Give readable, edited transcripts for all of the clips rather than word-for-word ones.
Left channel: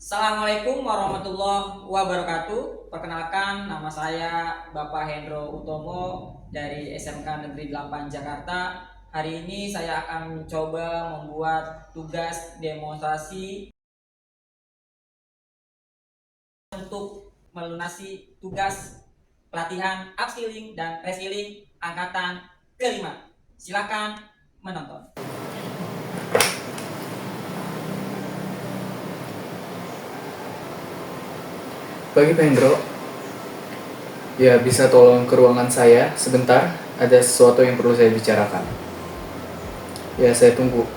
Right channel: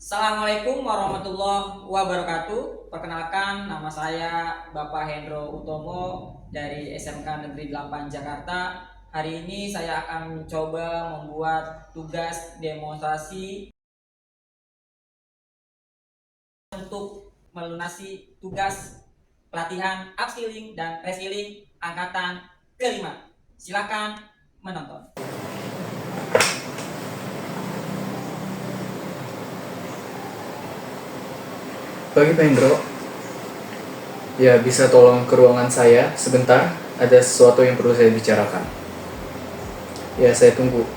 Assalamualaikum warahmatullahi wabarakatuh. Perkenalkan, nama saya Bapak Hendro Utomo dari SMK Negeri 8 Jakarta. Hari ini saya akan mencoba membuat tugas demonstrasi untuk melunasi tugas pelatihan upskilling dan reskilling angkatan kelima. Silakan menonton. Pagi Pak Hendro, ya bisa tolong ke ruangan saya sebentar, ada sesuatu yang perlu saya bicarakan. Ya saya tunggu.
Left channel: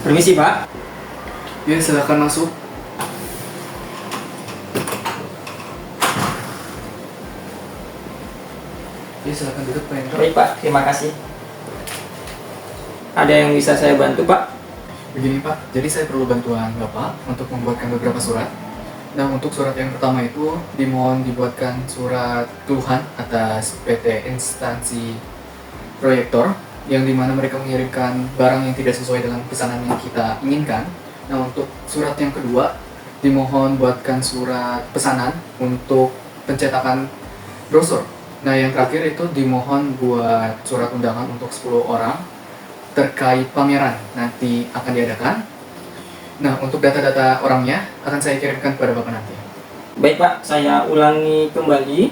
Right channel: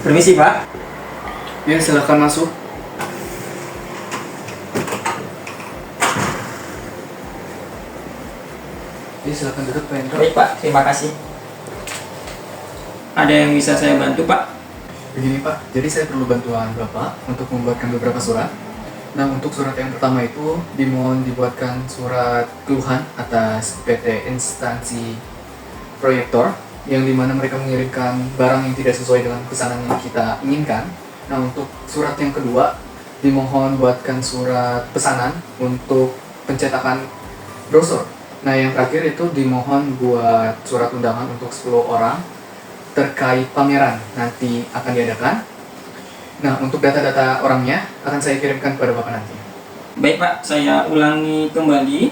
Permisi Pak. Ya silakan masuk. Ya silakan duduk Pak Hendro. Baik Pak, terima kasih. Ada yang bisa saya bantu Pak? Begini Pak, jadi saya perlu bantuan Bapak untuk membuatkan beberapa surat. Nah untuk surat yang pertama itu dimohon dibuatkan surat keluhan atas PT Instansi Proyektor yang dimana mereka mengirimkan barang yang tidak sesuai dengan pesanan yang kita inginkan. Nah untuk surat yang kedua dimohon buatkan surat pesanan untuk pencetakan brosur. Nah yang terakhir itu dimohon buat surat undangan untuk 10 orang terkait pameran nanti akan diadakan. Nah untuk data-data orangnya akan saya kirimkan kepada Bapak nanti. Baik Pak, saya ulangi kembali.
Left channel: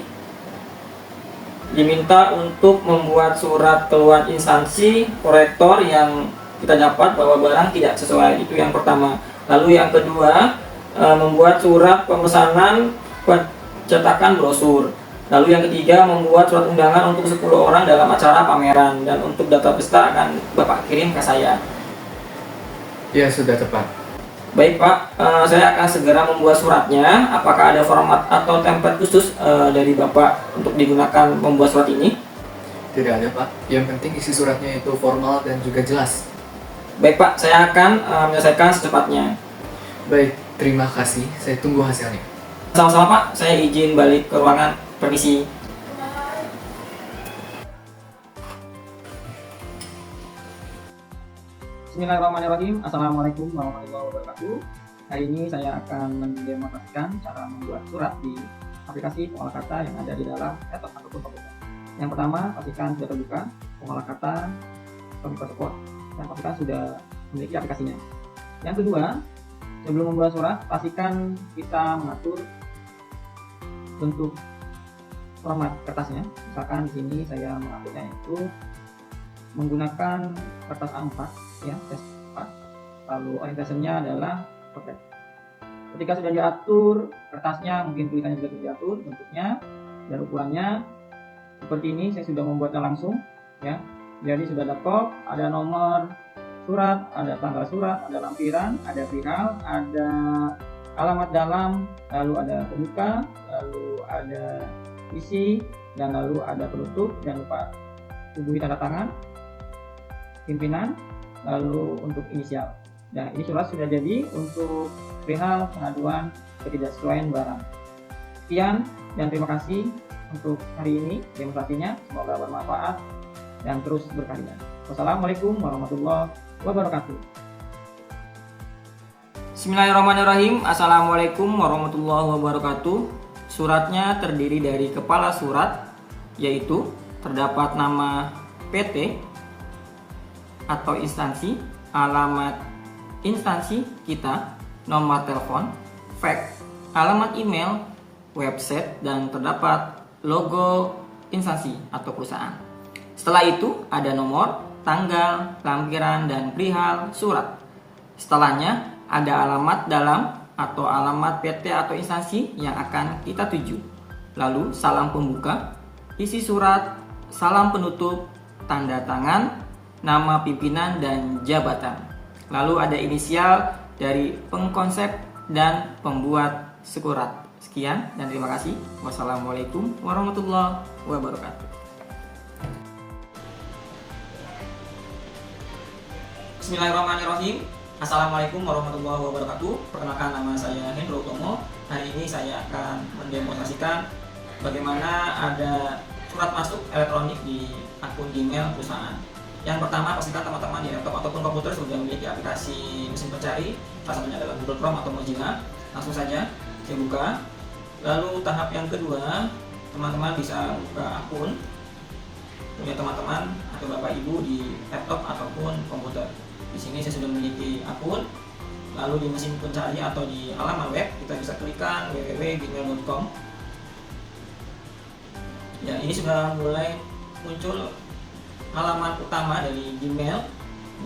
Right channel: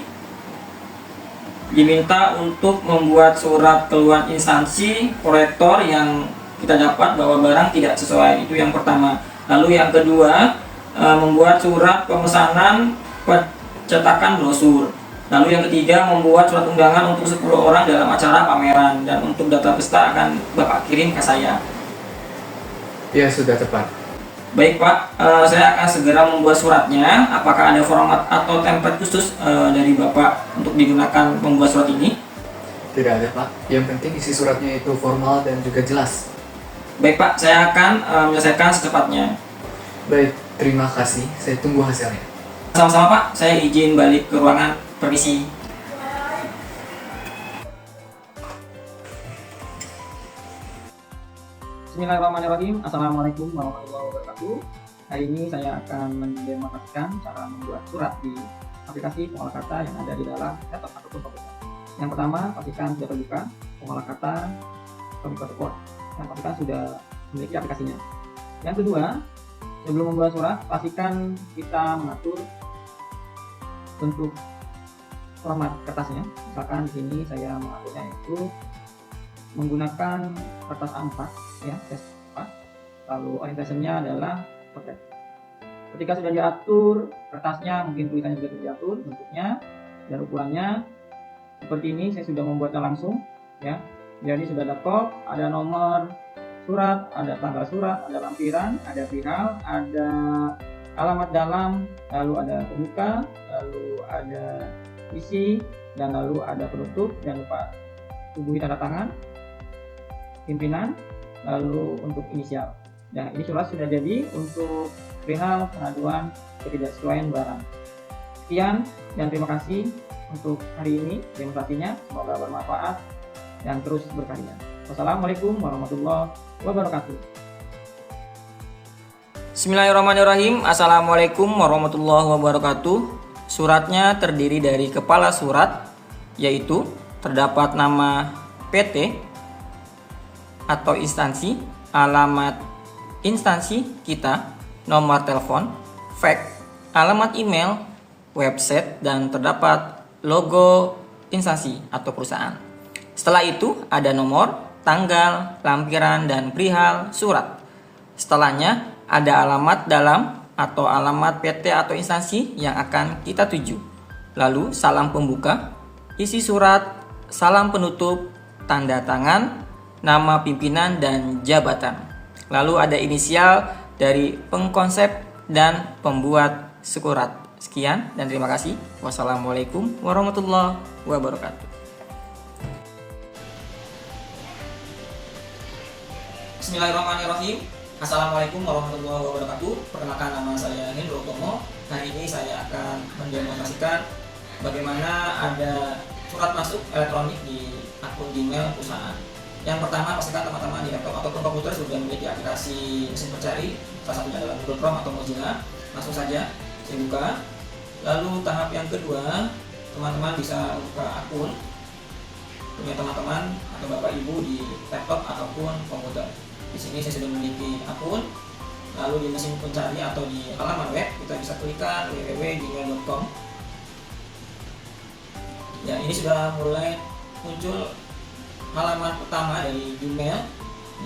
Diminta untuk membuat surat keluhan instansi proyektor yang kita dapat bahwa barang tidak sesuai, itu yang pertama. Lalu yang kedua, membuat surat pemesanan pencetakan brosur. Lalu yang ketiga, membuat surat undangan untuk 10 orang dalam acara pameran. Dan untuk data peserta akan Bapak kirim ke saya. Ya sudah tepat. Baik Pak, saya akan segera membuat suratnya. Apakah ada format atau template khusus dari Bapak untuk digunakan membuat surat ini? Tidak ada Pak, yang penting isi suratnya itu formal dan juga jelas. Baik Pak, saya akan menyelesaikan secepatnya. Baik, terima kasih, saya tunggu hasilnya. Sama-sama Pak, saya izin balik ke ruangan. Permisi. Bismillahirrahmanirrahim. Assalamualaikum warahmatullahi wabarakatuh. Hari ini saya akan mendemonstrasikan cara membuat surat di aplikasi pengolah kata yang ada di dalam laptop ataupun komputer. Yang pertama, pastikan sudah terbuka pengolah kata komputer support dan pastikan sudah memiliki aplikasinya. Yang kedua, sebelum membuat surat, pastikan kita mengatur bentuk format kertasnya. Misalkan di sini saya mengaturnya itu menggunakan kertas A4 ya, A4. Lalu orientasinya adalah potret. Ketika sudah diatur kertasnya, mungkin tulisannya juga sudah diatur bentuknya dan ukurannya seperti ini. Saya sudah membuatnya langsung ya. Jadi sudah ada kop, ada nomor surat, ada tanggal surat, ada lampiran, ada perihal, ada alamat dalam, lalu ada pembuka, lalu ada isi, dan lalu ada penutup. Jangan lupa hubungi tanda tangan pimpinan, lalu untuk inisial. Nah ini surat sudah jadi untuk perihal pengaduan ketidaksesuaian barang. Sekian dan terima kasih untuk hari ini demonstrasinya, semoga bermanfaat dan terus berkarya. Wassalamualaikum warahmatullahi wabarakatuh. Bismillahirrahmanirrahim. Assalamualaikum warahmatullahi wabarakatuh. Suratnya terdiri dari kepala surat, yaitu terdapat nama PT atau instansi, alamat instansi kita, nomor telepon, fax, alamat email, website, dan terdapat logo instansi atau perusahaan. Setelah itu ada nomor, tanggal, lampiran, dan perihal surat. Setelahnya ada alamat dalam atau alamat PT atau instansi yang akan kita tuju. Lalu salam pembuka, isi surat, salam penutup, tanda tangan, nama pimpinan dan jabatan. Lalu ada inisial dari pengkonsep dan pembuat surat. Sekian dan terima kasih. Wassalamualaikum warahmatullahi wabarakatuh. Bismillahirrahmanirrahim. Assalamualaikum warahmatullahi wabarakatuh. Perkenalkan, nama saya Hendro Utomo. Hari ini saya akan mendemonstrasikan bagaimana ada surat masuk elektronik di akun Gmail perusahaan. Yang pertama, pastikan teman-teman di laptop ataupun komputer sudah memiliki aplikasi mesin pencari, salah satunya adalah Google Chrome atau Mozilla. Langsung saja saya buka. Lalu tahap yang kedua, teman-teman bisa buka akun punya teman-teman atau bapak ibu di laptop ataupun komputer. Di sini saya sudah memiliki akun. Lalu di mesin pencari atau di halaman web kita bisa klikkan www.gmail.com. Ya, ini sudah mulai muncul halaman utama dari Gmail.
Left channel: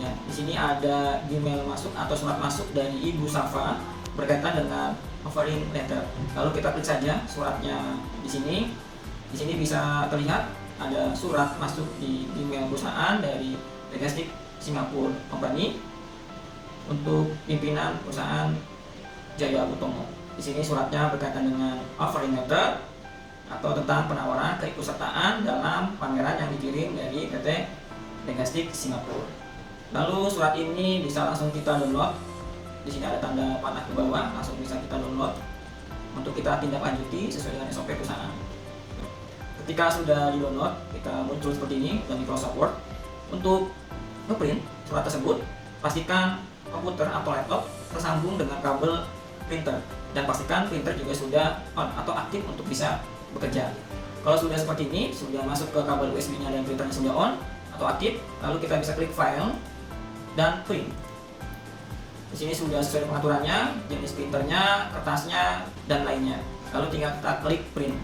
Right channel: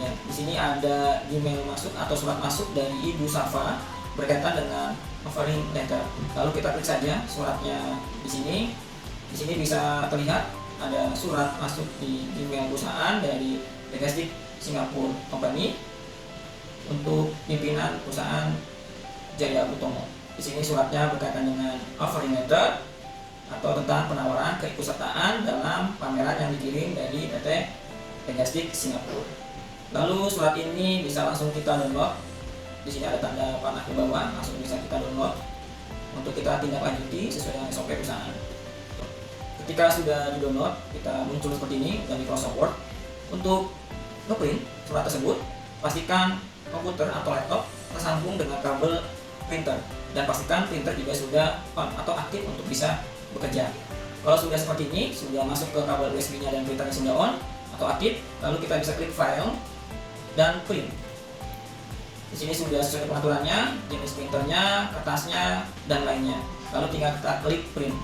Ya, di sini ada Gmail masuk atau surat masuk dari Ibu Safa berkaitan dengan offering letter. Lalu kita klik saja suratnya di sini. Di sini bisa terlihat ada surat masuk di Gmail perusahaan dari Legastic Singapore Company untuk pimpinan perusahaan Jaya Utomo. Di sini suratnya berkaitan dengan offering letter atau tentang penawaran keikutsertaan dalam pameran yang dikirim dari PT Legastic Singapura. Lalu surat ini bisa langsung kita download. Di sini ada tanda panah ke bawah, langsung bisa kita download untuk kita tindak lanjuti sesuai dengan SOP perusahaan. Ketika sudah di-download, kita muncul seperti ini dari Microsoft Word. Untuk ngeprint surat tersebut, pastikan komputer atau laptop tersambung dengan kabel printer dan pastikan printer juga sudah on atau aktif untuk bisa bekerja. Kalau sudah seperti ini, sudah masuk ke kabel USB-nya dan printernya sudah on atau aktif, lalu kita bisa klik file dan print. Di sini sudah sesuai pengaturannya, jenis printernya, kertasnya, dan lainnya. Lalu tinggal kita klik print.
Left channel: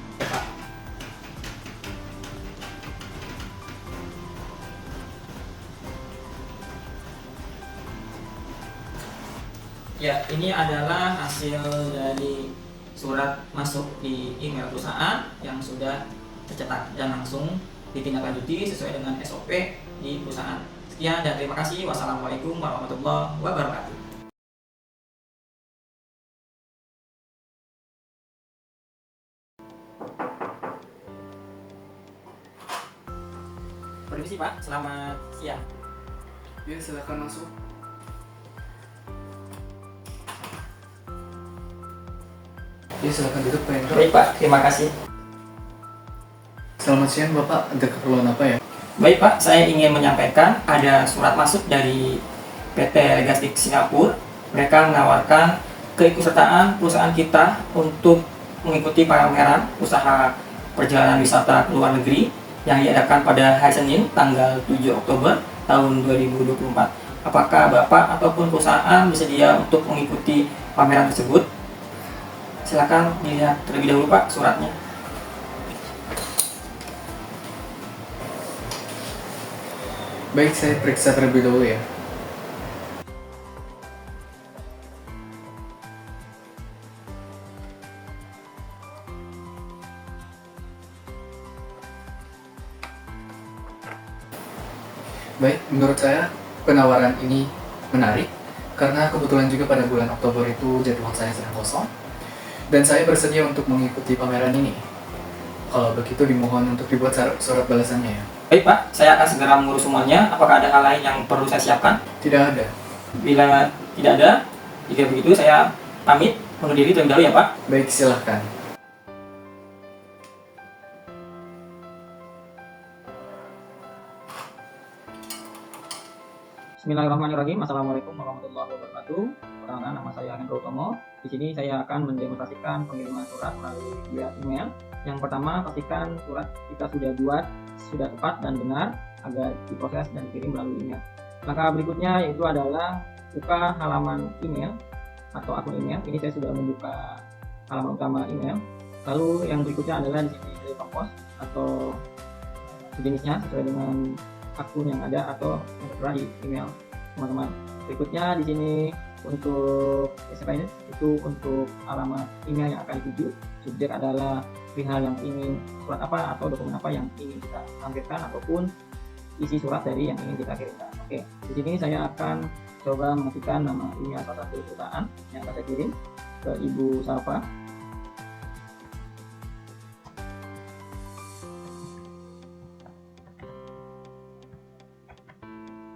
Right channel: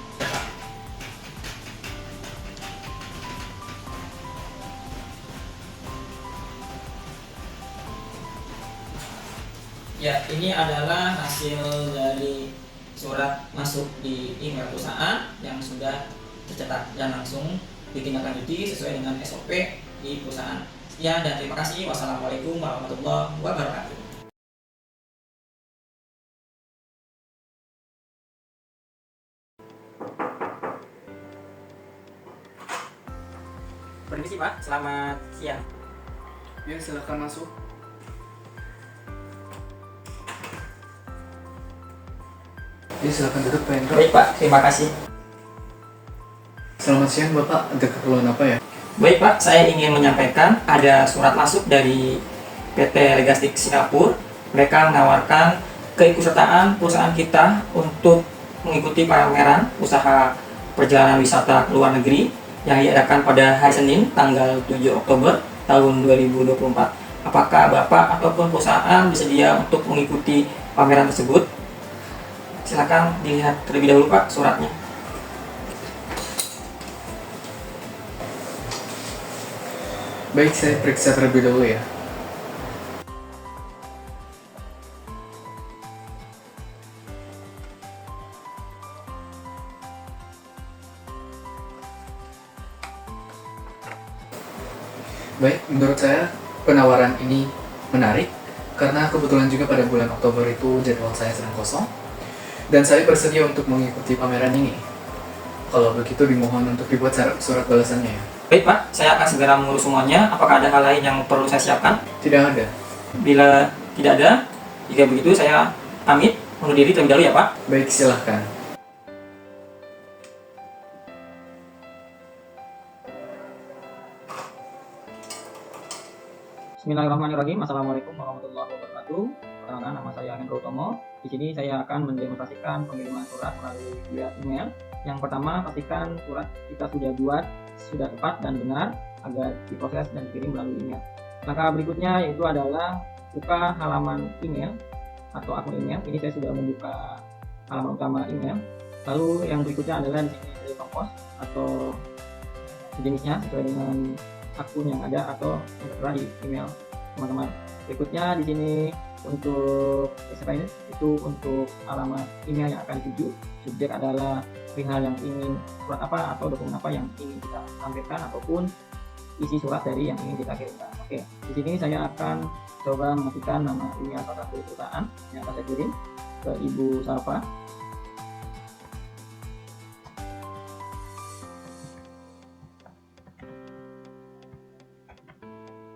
Ya, ini adalah hasil dari surat masuk di email perusahaan yang sudah tercetak dan langsung ditindaklanjuti sesuai dengan SOP di perusahaan. Sekian dan terima kasih. Wassalamualaikum warahmatullahi wabarakatuh. Permisi Pak, selamat siang. Ya, silakan masuk. Ya, silakan duduk Pak Hendro. Baik Pak, terima kasih. Selamat siang Bapak, ada keperluan apa ya? Baik Pak, saya ingin menyampaikan ada surat masuk dari PT Legastic Singapura. Mereka menawarkan keikutsertaan perusahaan kita untuk mengikuti pameran usaha perjalanan wisata ke luar negeri yang diadakan pada hari Senin tanggal 7 Oktober tahun 2024. Apakah Bapak ataupun perusahaan bersedia untuk mengikuti pameran tersebut? Silakan dilihat terlebih dahulu Pak suratnya. Baik, saya periksa terlebih dahulu ya. Baik, menurut saya penawaran ini menarik karena kebetulan juga pada bulan Oktober itu jadwal saya sedang kosong dan saya bersedia untuk mengikuti pameran ini. Kalau begitu dimohon untuk dibuat surat balasannya ya. Baik Pak, saya akan segera mengurus semuanya. Apakah ada hal lain yang perlu saya siapkan? Tidak ada. Bila tidak ada, jika begitu saya pamit undur diri terlebih dahulu ya Pak. Baik, silahkan. Bismillahirrahmanirrahim. Assalamualaikum warahmatullahi wabarakatuh. Perkenalkan, nama saya Hendro Utomo. Di sini saya akan mendemonstrasikan pengiriman surat melalui via email. Yang pertama, pastikan surat kita sudah buat sudah tepat dan benar agar diproses dan dikirim melalui email. Langkah berikutnya yaitu adalah buka halaman email atau akun email. Ini saya sudah membuka halaman utama email. Lalu yang berikutnya adalah di sini return post atau sejenisnya sesuai dengan akun yang ada atau yang tertera di email teman-teman. Berikutnya di sini untuk itu untuk alamat email yang akan dituju. Subjek adalah perihal yang ingin surat apa atau dokumen apa yang ingin kita tampilkan ataupun isi surat dari yang ingin kita kirimkan. Oke, di sini saya akan coba mengetikkan nama email salah satu perusahaan yang akan saya kirim ke Ibu Safa.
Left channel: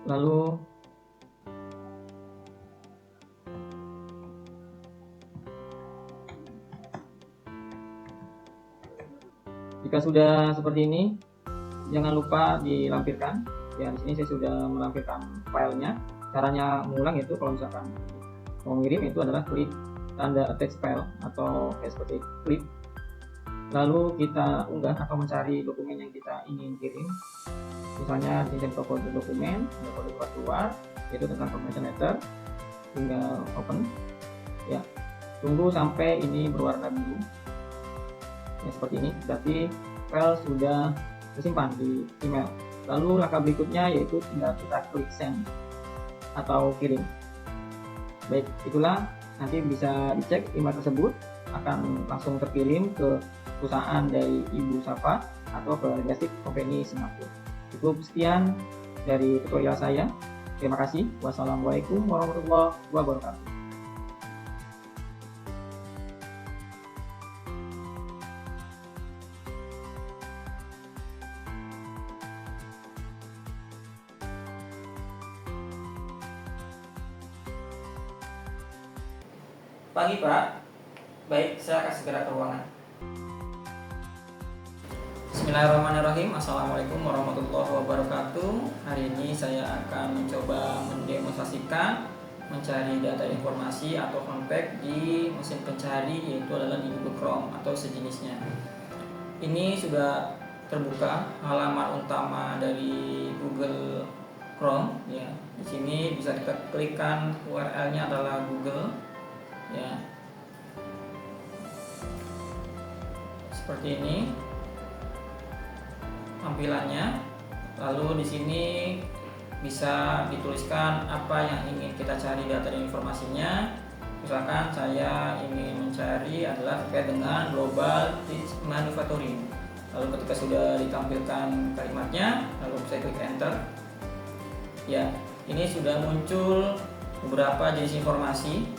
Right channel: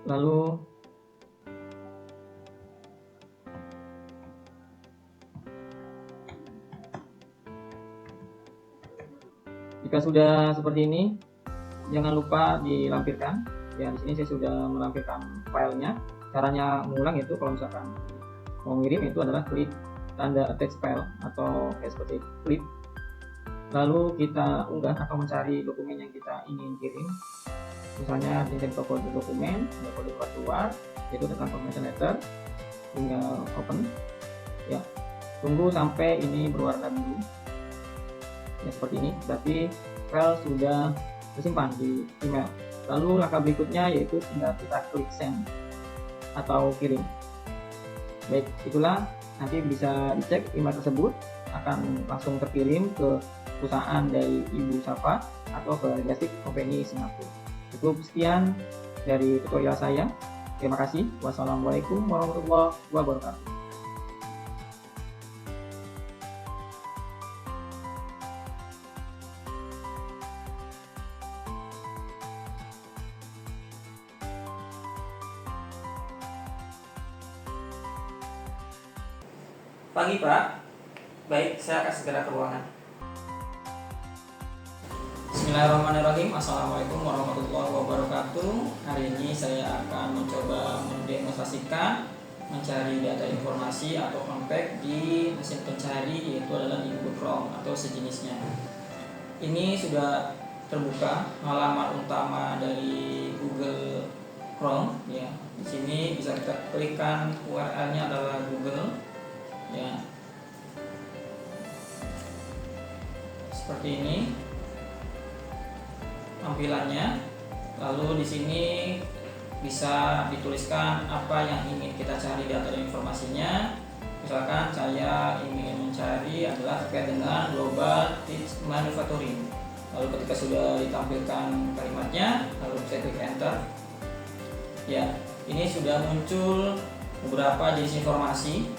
Lalu Jika sudah seperti ini, jangan lupa dilampirkan. Ya, di sini saya sudah melampirkan filenya. Caranya mengulang itu kalau misalkan mau ngirim itu adalah klik tanda attach file atau kayak seperti klik. Lalu kita unggah atau mencari dokumen yang kita ingin kirim. Misalnya di sini kode dokumen, ada kode surat keluar, yaitu tentang confirmation letter. Tinggal open. Ya, tunggu sampai ini berwarna biru. Ya, seperti ini. Berarti file sudah tersimpan di email. Lalu langkah berikutnya yaitu tinggal kita klik send atau kirim. Baik, itulah nanti bisa dicek email tersebut akan langsung terkirim ke perusahaan dari Ibu Safa atau ke Just Tip Company Singapura. Cukup sekian dari tutorial saya. Terima kasih. Wassalamualaikum warahmatullahi wabarakatuh. Pagi Pak. Baik, saya akan segera ke ruangan. Bismillahirrahmanirrahim. Assalamualaikum warahmatullahi wabarakatuh. Hari ini saya akan mencoba mendemonstrasikan mencari data informasi atau unpack di mesin pencari, yaitu adalah di Google Chrome atau sejenisnya. Ini sudah terbuka halaman utama dari Google Chrome ya. Di sini bisa kita klikkan URL-nya adalah Google ya. Seperti ini tampilannya. Lalu di sini bisa dituliskan apa yang ingin kita cari data dan informasinya. Misalkan saya ingin mencari adalah terkait dengan global teach manufacturing. Lalu ketika sudah ditampilkan kalimatnya, lalu saya klik enter. Ya, ini sudah muncul beberapa jenis informasi.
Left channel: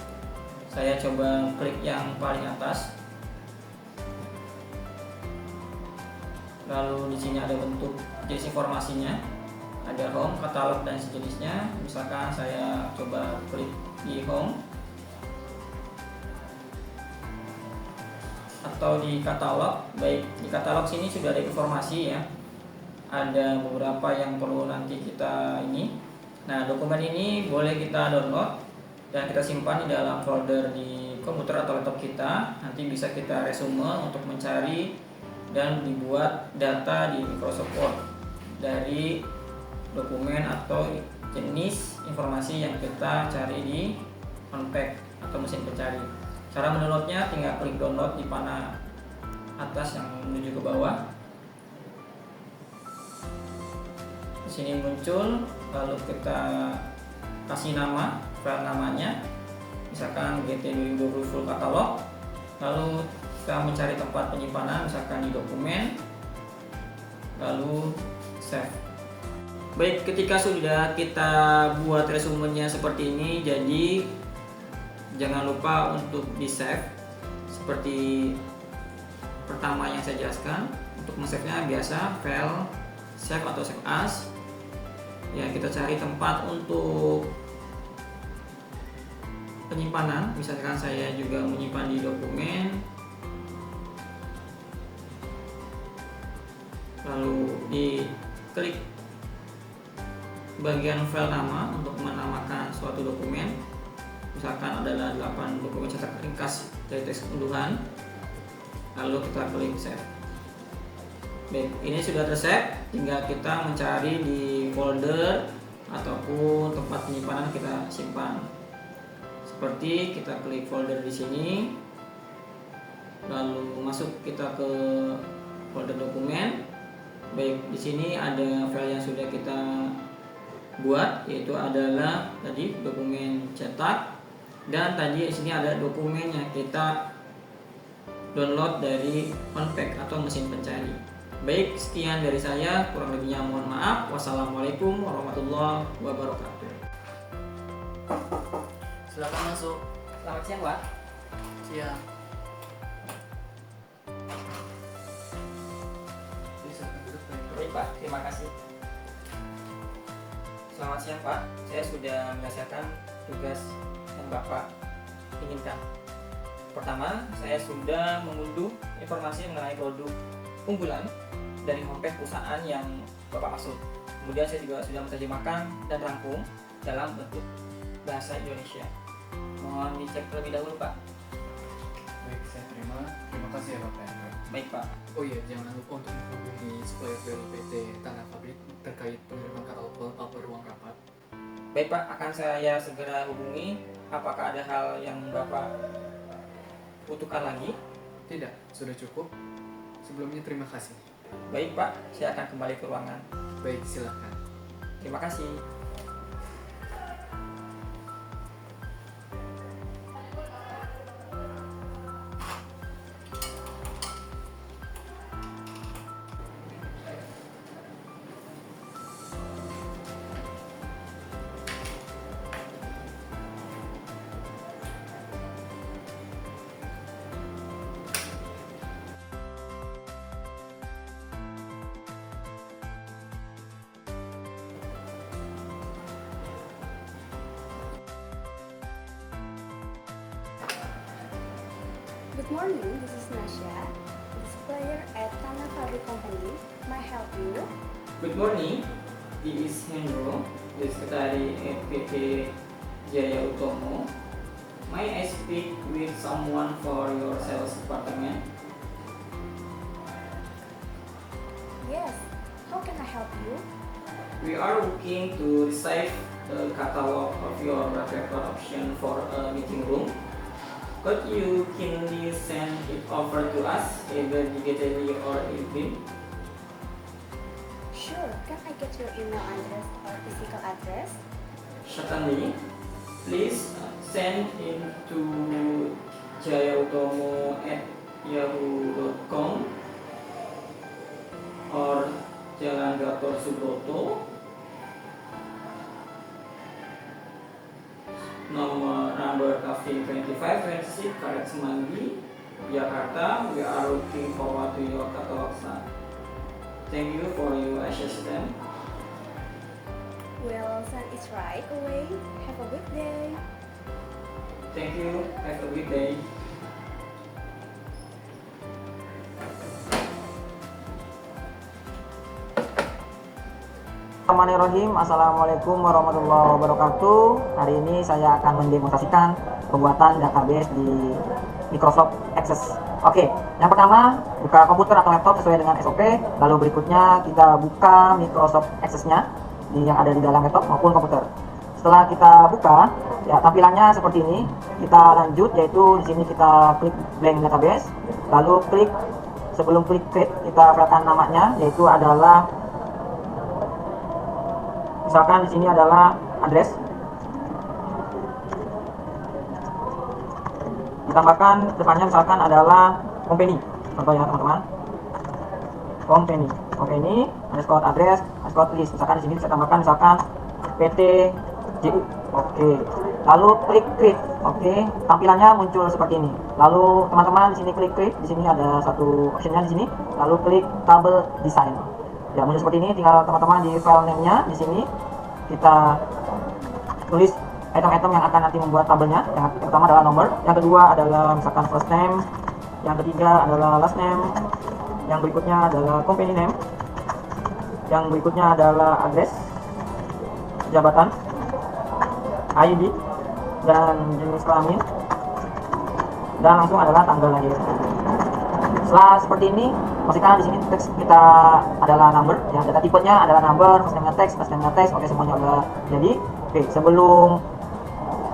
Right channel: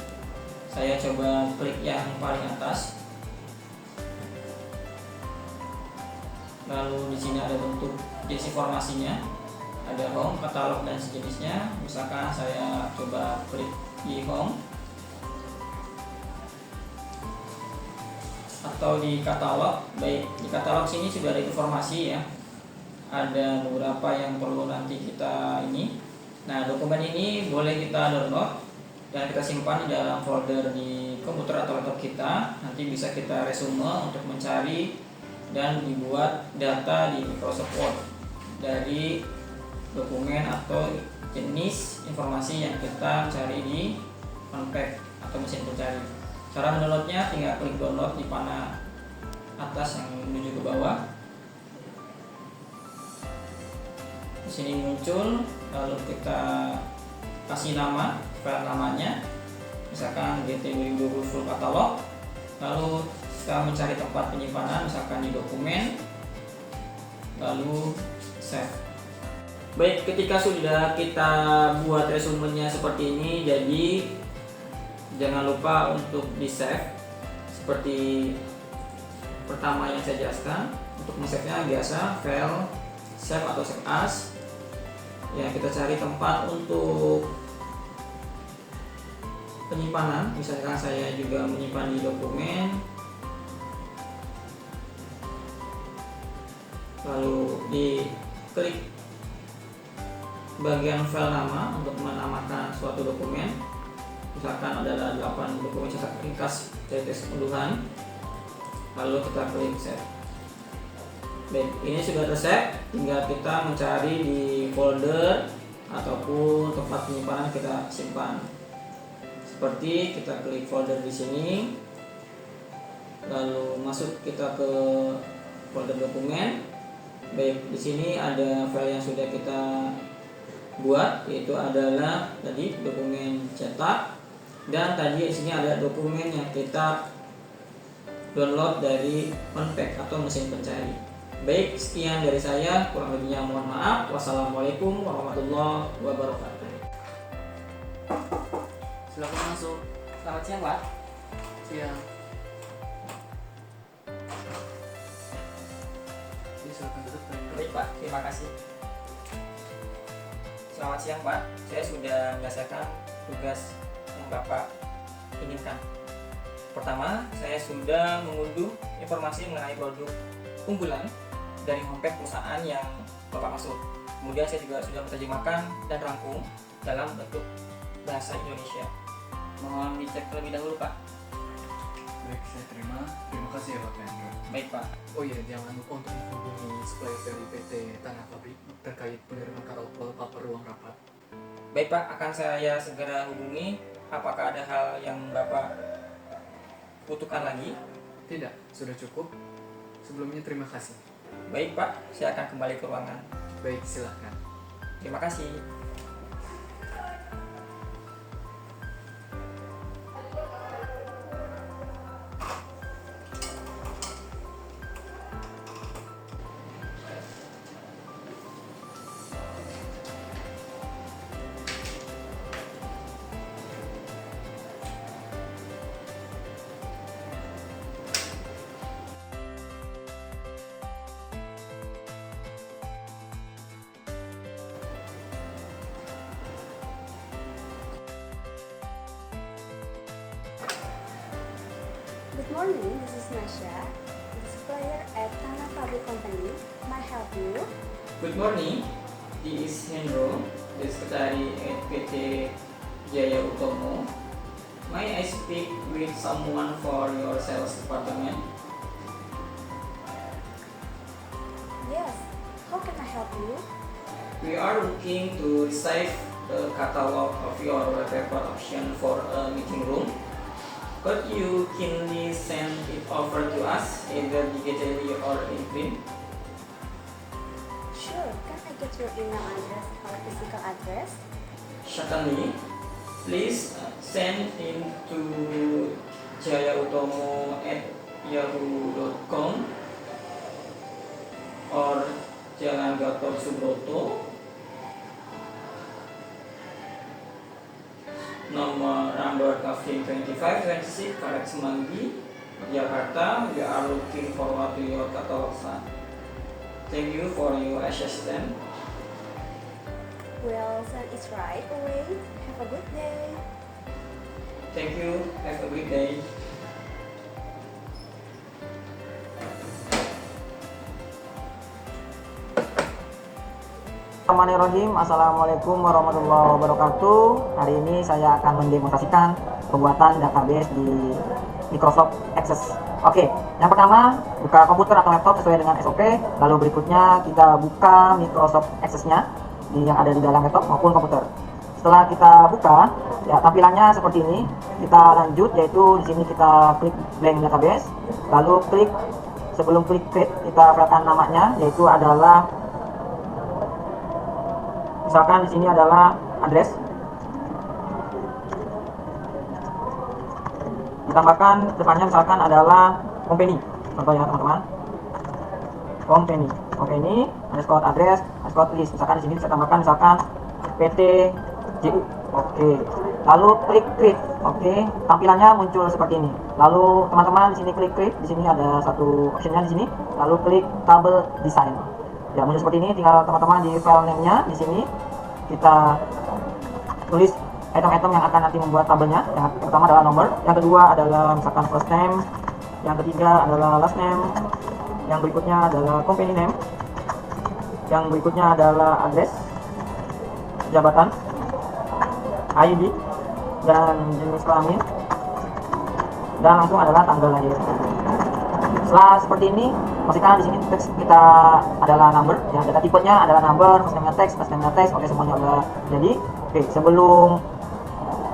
Saya coba klik yang paling atas. Lalu di sini ada bentuk jenis informasinya, ada home, katalog dan sejenisnya. Misalkan saya coba klik di home atau di katalog. Baik, di katalog sini sudah ada informasi ya. Ada beberapa yang perlu nanti kita ini. Nah, dokumen ini boleh kita download dan kita simpan di dalam folder di komputer atau laptop kita. Nanti bisa kita resume untuk mencari dan dibuat data di Microsoft Word dari dokumen atau jenis informasi yang kita cari di unpack atau mesin pencari. Cara mendownloadnya tinggal klik download di panah atas yang menuju ke bawah. Di sini muncul, lalu kita kasih nama file namanya, misalkan GT 2020 full catalog. Lalu kita mencari tempat penyimpanan, misalkan di dokumen, lalu save. Baik, ketika sudah kita buat resumenya seperti ini, jadi jangan lupa untuk di save seperti pertama yang saya jelaskan. Untuk men-save-nya biasa file save atau save as ya. Kita cari tempat untuk penyimpanan, misalkan saya juga menyimpan di dokumen, lalu diklik bagian file nama untuk menamakan suatu dokumen. Misalkan adalah 8 dokumen cetak ringkas dari teks unduhan, lalu kita klik save. Baik, ini sudah tersave, tinggal kita mencari di folder ataupun tempat penyimpanan kita simpan. Seperti kita klik folder di sini, lalu masuk kita ke folder dokumen. Baik, di sini ada file yang sudah kita buat, yaitu adalah tadi dokumen cetak, dan tadi di sini ada dokumen yang kita download dari unpack atau mesin pencari. Baik, sekian dari saya, kurang lebihnya mohon maaf. Wassalamualaikum warahmatullahi wabarakatuh. Silakan masuk. Selamat siang Pak. Siang. Silakan duduk. Baik Pak, terima kasih. Selamat siang Pak, saya sudah menyelesaikan tugas yang Bapak inginkan. Pertama, saya sudah mengunduh informasi mengenai produk unggulan dari homepage perusahaan yang Bapak maksud. Kemudian saya juga sudah menerjemahkan dan rangkum dalam bentuk bahasa Indonesia. Mohon dicek terlebih dahulu, Pak. Baik, saya terima. Terima kasih ya Bapak Hendro. Baik, Pak. Oh iya, jangan lupa untuk menghubungi supplier dari PT Tanah Pabrik terkait pengiriman kapal paper ruang rapat. Baik, Pak, akan saya segera hubungi. Apakah ada hal yang Bapak butuhkan lagi? Tidak, sudah cukup. Sebelumnya terima kasih. Baik, Pak, saya akan kembali ke ruangan. Baik, silakan. Terima kasih. Good morning, this is Nasha, the supplier at Tanah Pabrik Company. May I help you? Good morning, this is Hendro, the secretary at PT Jaya Utomo. May I speak with someone for your sales department? Yes, how can I help you? We are looking to receive a catalog of your paper option for a meeting room. Could you kindly send it over to us, either digitally or in print? Sure, can I get your email address or physical address? Certainly. Please send it to jayautomo@yahoo.com or Jalan Gatot Subroto, number Cafe 2526, Karet Semanggi, Jakarta. We are looking forward to your catalog, sir. Thank you for your assistance. We'll send it right away. Have a good day. Thank you. Have a good day. Bismillahirrahmanirrahim. Assalamualaikum warahmatullahi wabarakatuh. Hari ini saya akan mendemonstrasikan pembuatan database di Microsoft Access. Oke, yang pertama buka komputer atau laptop sesuai dengan SOP. Lalu berikutnya kita buka Microsoft Access-nya yang ada di dalam laptop maupun komputer. Setelah kita buka, ya tampilannya seperti ini. Kita lanjut, yaitu di sini kita klik blank database. Lalu klik, sebelum klik create kita perhatikan namanya, yaitu adalah, misalkan di sini adalah address. Ditambahkan depannya misalkan adalah company. Contoh ya teman-teman. Company underscore address underscore list. Misalkan di sini saya tambahkan misalkan PT JU. Oke. Lalu klik create. Oke. Tampilannya muncul seperti ini. Lalu teman-teman di sini klik create. Di sini ada satu optionnya di sini. Lalu klik table design. Ya, muncul seperti ini. Tinggal teman-teman di file name-nya di sini kita tulis item-item yang akan nanti membuat tabelnya. Yang pertama adalah nomor, yang kedua adalah misalkan first name, yang ketiga adalah last name, yang berikutnya adalah company name, yang berikutnya adalah address, jabatan, ID, dan jenis kelamin, dan langsung adalah tanggal lahir. Setelah seperti ini, pastikan di sini teks kita adalah number, ya, data tipenya adalah number, first name-nya teks, last name-nya teks. Oke, semuanya udah jadi. Oke, sebelum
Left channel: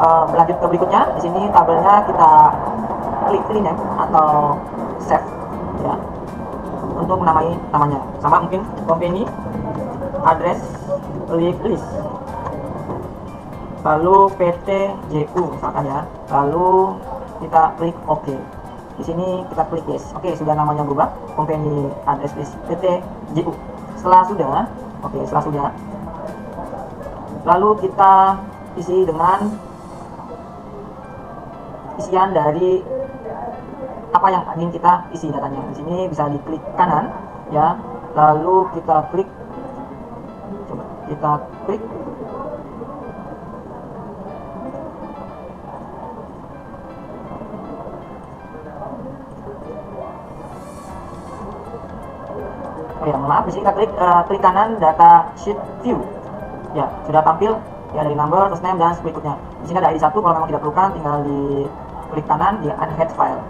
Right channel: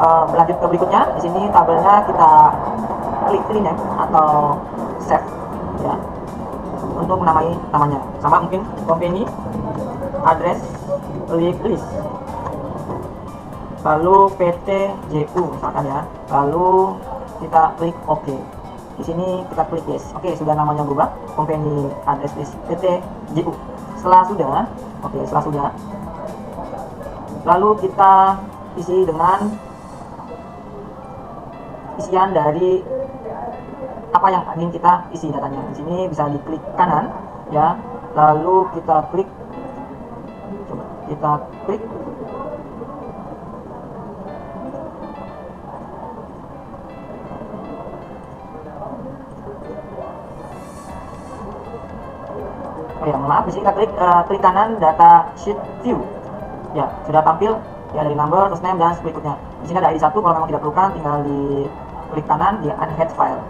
berlanjut ke berikutnya, di sini tabelnya kita klik rename atau save, ya, untuk menamai namanya. Sama mungkin company, address, list, lalu PT JU misalkan ya. Lalu kita klik OK. Di sini kita klik yes. Oke, sudah namanya berubah. Company, address, list, PT JU. Setelah sudah, lalu kita isi dengan isian dari apa yang ingin kita isi datanya. Di sini bisa diklik kanan, ya. Lalu kita klik, Oh ya, maaf, di sini kita klik kanan data sheet view. Ya, sudah tampil ya dari number, terus name dan berikutnya. Di sini ada ID 1, kalau memang tidak perlukan tinggal di klik kanan di unhead file.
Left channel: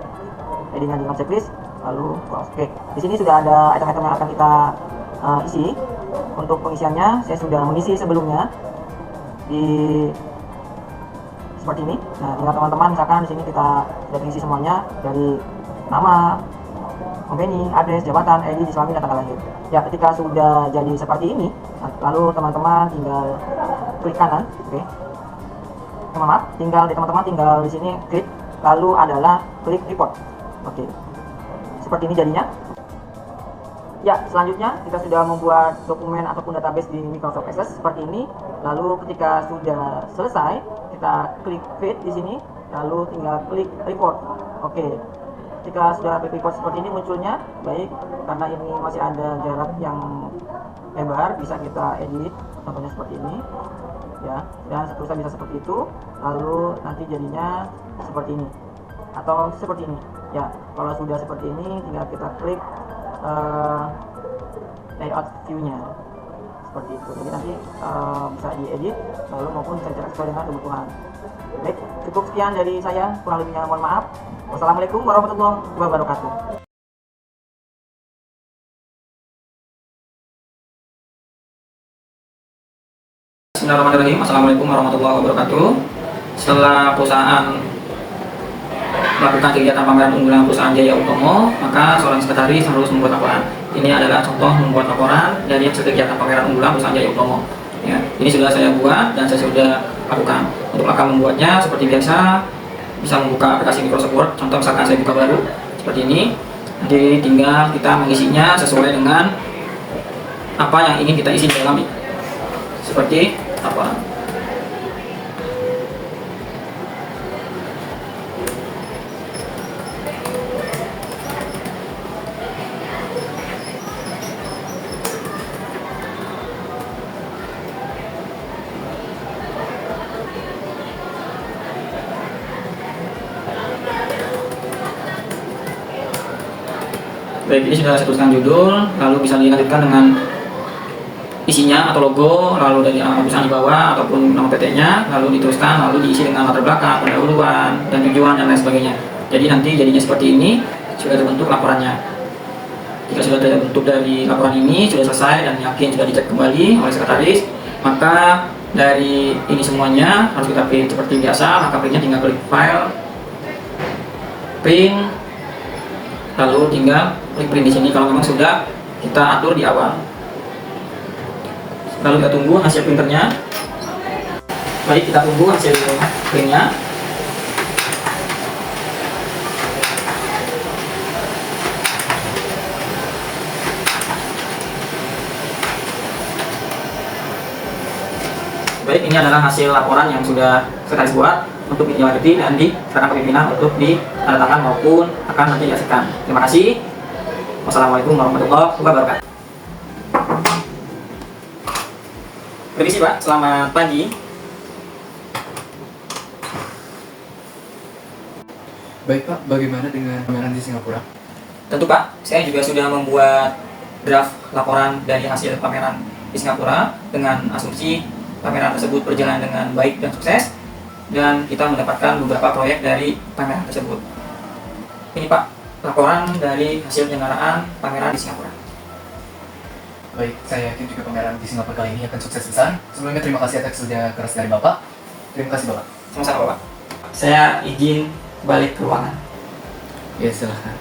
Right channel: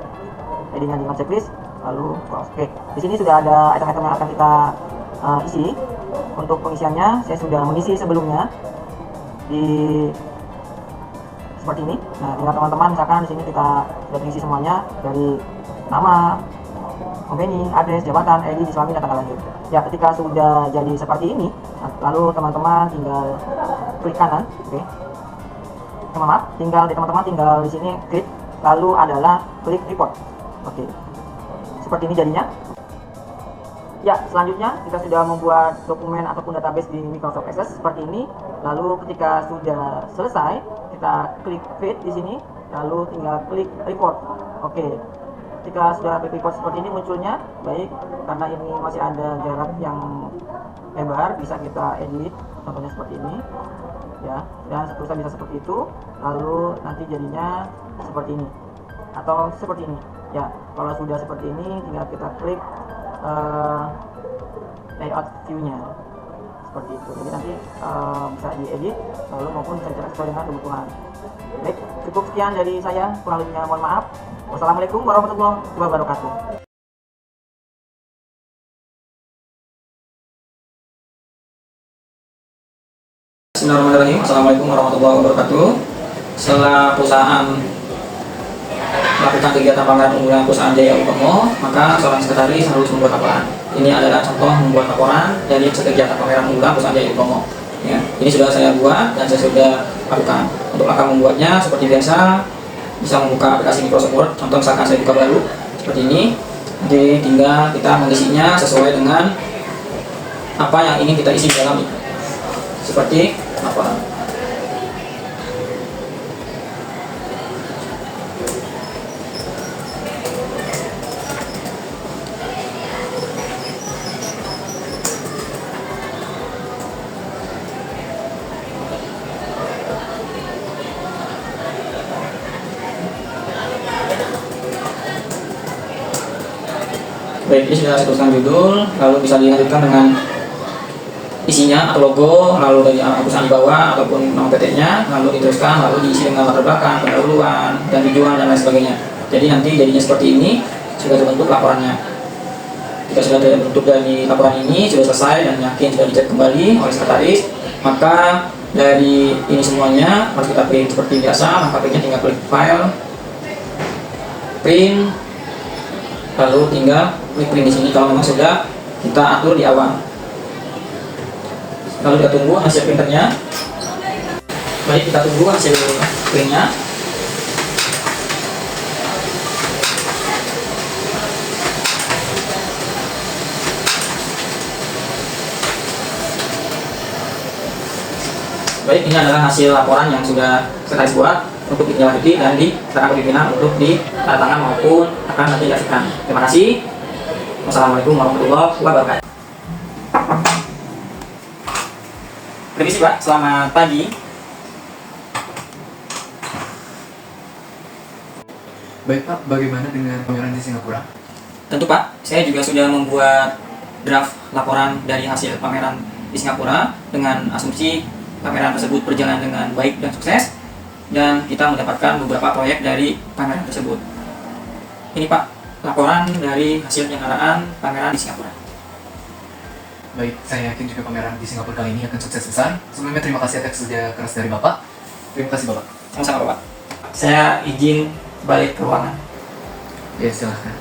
ID-nya di checklist, lalu close. Oke, di sini sudah ada item-item yang akan kita isi. Untuk pengisiannya saya sudah mengisi sebelumnya di seperti ini. Nah, tinggal teman-teman misalkan di sini kita sudah mengisi semuanya dari nama, company, address, jabatan, ID, siswami, dan tanggal lahir. Ya, ketika sudah jadi seperti ini, lalu teman-teman tinggal klik kanan, oke. Maaf, teman-teman tinggal di sini klik, lalu adalah klik report, oke. Seperti ini jadinya. Ya, selanjutnya kita sudah membuat dokumen ataupun database di Microsoft Access seperti ini. Lalu ketika sudah selesai, kita klik create di sini, lalu tinggal klik report, oke. Ketika sudah klik report seperti ini munculnya, baik, karena ini masih ada jarak yang lebar, bisa kita edit, contohnya seperti ini, ya, dan seterusnya bisa seperti itu. Lalu nanti jadinya seperti ini atau seperti ini. Ya, kalau sudah seperti ini, tinggal kita klik layout view-nya seperti itu. Jadi nanti bisa diedit, lalu maupun bisa dicetak sesuai dengan kebutuhan. Baik, cukup sekian dari saya, kurang lebihnya mohon maaf. Wassalamualaikum warahmatullahi wabarakatuh. Bismillahirrahmanirrahim. Assalamualaikum warahmatullahi wabarakatuh. Setelah perusahaan melakukan kegiatan pameran unggulan perusahaan Jaya Utomo, maka seorang sekretaris harus membuat laporan. Ini adalah contoh membuat laporan dari kegiatan pameran unggulan perusahaan Jaya Utomo. Ya, ini sudah saya buat dan saya sudah lakukan. Untuk akan membuatnya seperti biasa, bisa membuka aplikasi Microsoft Word. Contoh misalkan saya buka baru seperti ini. Jadi tinggal kita mengisinya sesuai dengan apa yang ingin kita isi di dalam ini. Seperti laporan. Baik, ini sudah saya tuliskan judul, lalu bisa dilanjutkan dengan isinya atau logo, lalu dari perusahaan di bawah ataupun nama PT-nya, lalu diteruskan, lalu diisi dengan latar belakang, pendahuluan, dan tujuan dan lain sebagainya. Jadi nanti jadinya seperti ini, sudah terbentuk laporannya. Jika sudah terbentuk dari laporan ini, sudah selesai dan yakin sudah dicek kembali oleh sekretaris, maka dari ini semuanya harus kita print seperti biasa. Maka printnya tinggal klik file, print, lalu tinggal klik print di sini kalau memang sudah kita atur di awal. Lalu kita tunggu hasil printernya. Mari kita tunggu hasil printnya. Baik, ini adalah hasil laporan yang sudah sekretaris buat untuk ditindaklanjuti dan diserahkan ke pimpinan untuk ditandatangan maupun akan nanti dihasilkan. Terima kasih. Wassalamualaikum warahmatullahi wabarakatuh. Permisi Pak, selamat pagi. Baik Pak, bagaimana dengan pameran di Singapura? Tentu Pak, saya juga sudah membuat draft laporan dari hasil pameran di Singapura dengan asumsi pameran tersebut berjalan dengan baik dan sukses, dan kita mendapatkan beberapa proyek dari pameran tersebut. Ini Pak, laporan dari hasil penyelenggaraan pameran di Singapura. Baik, saya yakin juga pameran di Singapura kali ini akan sukses besar. Sebelumnya terima kasih atas kerja keras dari Bapak. Terima kasih Bapak. Sama-sama Pak. Saya izin balik ke ruangan. Ya, silahkan.